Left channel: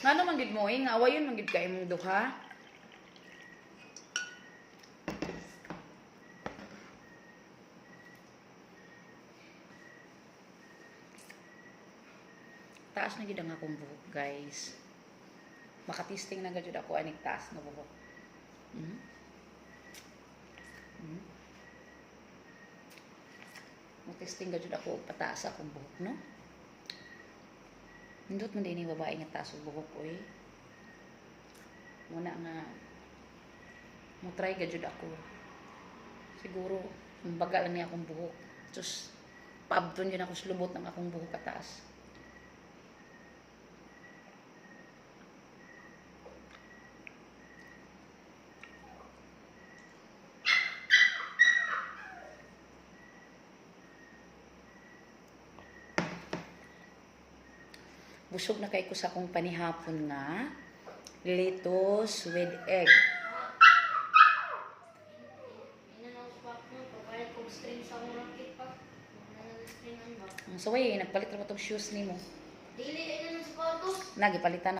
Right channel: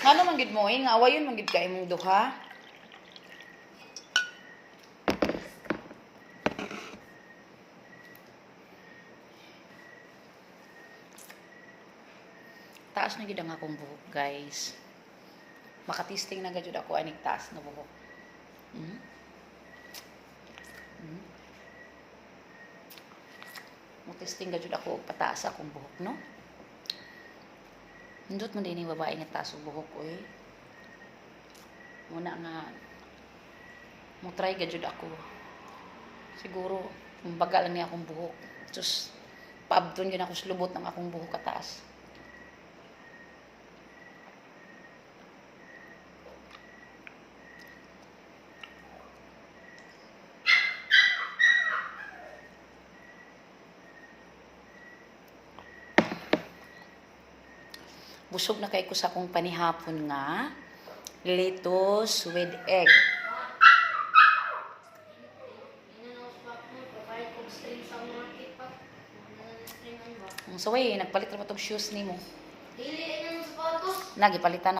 Ngano man gid mo nga awayon man gid ka imong duha. Taas na gid ang akong buhok, guys. Makatisting na gid ako aning taas na buhok. Testing gid ako pataas akong buhok, no? Hindot man din yung babae nga taas ang buhok, oy. Muna nga mo try gid ako. Siguro kumbaga lang ni akong buhok. Sus paabton yun ako sa lubot ng akong buhok kataas. Busog na kay ko sa akong panihapon nga lettuce with egg. So, nagpalit na ba itong shoes ni mo? Dili, ay na ng sapatos. Nagipalitan